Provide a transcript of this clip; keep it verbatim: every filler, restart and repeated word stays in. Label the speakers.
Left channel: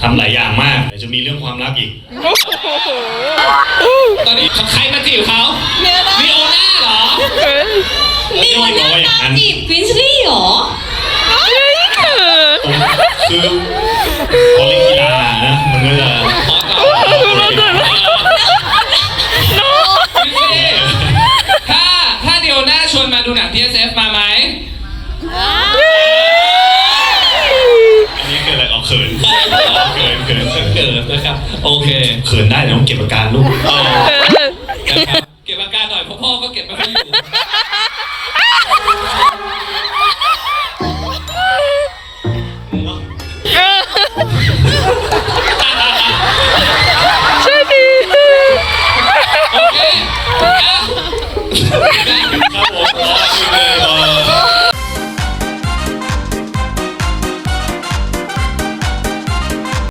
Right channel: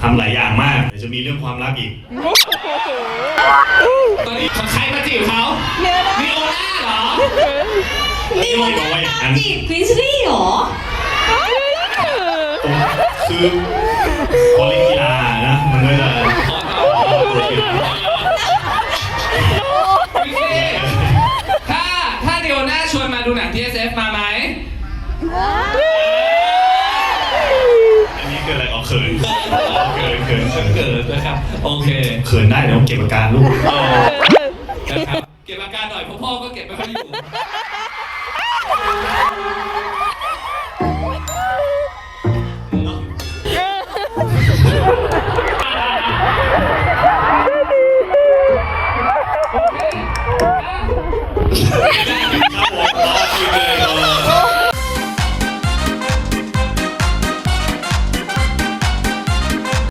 Speaker 1: ำหลายอย่างมากเดี๋ยวจะมีเรื่องความรักอีก
Speaker 2: ตอนนี้ใครมาจีบเขาเนียน่าเหรอ
Speaker 1: นี่มันน่า
Speaker 3: จีบคริสลี่เหรอ
Speaker 1: คือพอเล่นกีฬานะมันก็จะ
Speaker 2: ถ้าถ้าเดียวหน้าชวนมาดูหนัง ที เอส เอฟ มาไหม
Speaker 1: อันนี้เกิดอะไรเอาเขินเขินเขิน
Speaker 2: เกิดนะครับโอเค
Speaker 1: เขินได้แต่ต้องเก็บอาการลูก
Speaker 2: เก็บอาการหน่อยเพราะพ่อก็เก็บไม่ค่อยอยู่